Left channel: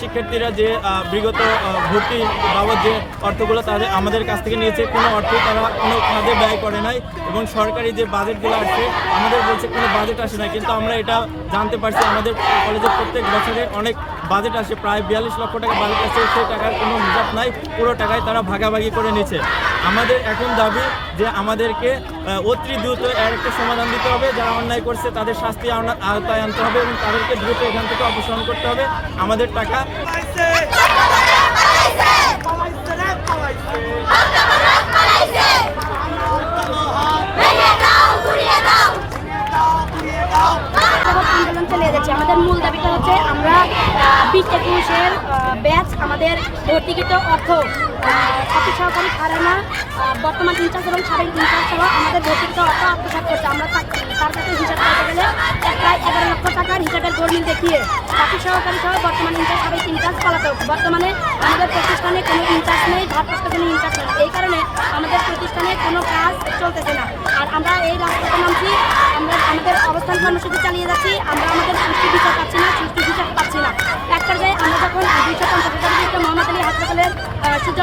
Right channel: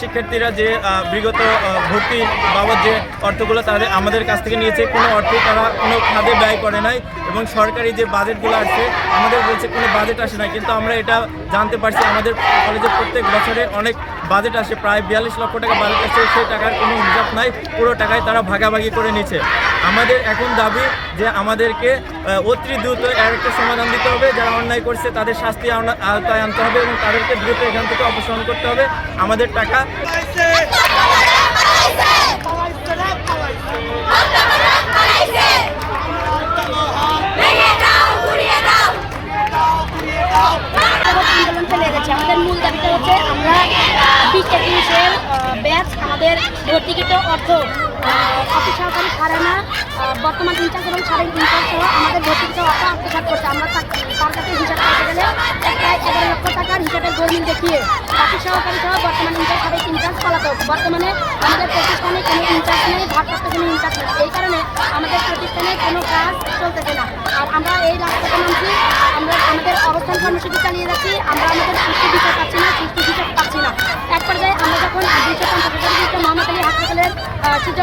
শিক্ষার্থীরা যে বিগত ভর্তি বাবদ যে অর্থগুলো তাদের আমাদের কাছ থেকে নিয়েছে, কোনো অর্থ তারা, কোনো খাদে ব্যয় করে নাই এবং সরকারি যে বাজেটগুলো আসছে আমাদের বলছে কোনো বাজেট আসে না কিন্তু আমরা এটা জানতে পারছি, আমাদের কলেজে প্রত্যেক বছরে অনেক বাজেট আসে, প্রায় বিয়াল্লিশ লক্ষ টাকা বাজেট আসে, সেই টাকার কোনো হিসাব নাই, পুরো টাকায় তারা ভাগাভাগি করে নিচ্ছে। আমাদের এখন দাবি যে আমাদেরকে অতি দ্রুত এর একটা সমাধান দিতে হবে। যারা অন্যায় করছে, তাদের শাস্তি আওতায় আনতে হবে এবং তাদেরকে দ্রুত এখান থেকে অপসারণ করতে হবে। আমাদের টাকা আমাদের মূল দাবিটা হচ্ছে আমরা ব্যাচ আমাদের ভর্তিকৃত অর্থ অফিস সহকারী আহ, বর্তমান ইনচার্জ এবং সাবেক ইনচার্জ সহ আমাদের ভর্তিকৃত অর্থ আত্মসাৎ করছে। আমরা তার কাছে হিসাব করতে গেলে প্রায় এগারো লক্ষ টাকার হিসাবের গরমিল দেখিয়ে অফিস সহকারী সহ বর্তমান ইনচার্জ সাবেক ইনচার্জ পলাতক। বর্তমানে আমাদের প্রতিষ্ঠানে কোনো ইনচার্জ নেই ভারপ্রাপ্ত কোনো ইনচার্জ নেই। এই কারণে আমাদের প্রতিষ্ঠানে কোনো কাজ চলতেছে না। আর আমরা এই রাজপথে নামছি আমরা আমাদের অবস্থান কর্মসূচি চালিয়ে যাচ্ছি আমরা আমাদের সুষ্ঠু বিচার পাচ্ছি না সুষ্ঠু বিচার পাচ্ছি না। এক পর্যায়ে আমরা যখন দুইশো পঞ্চাশ হাজার মোহাম্মদ আলী হাসপাতালের সূর্য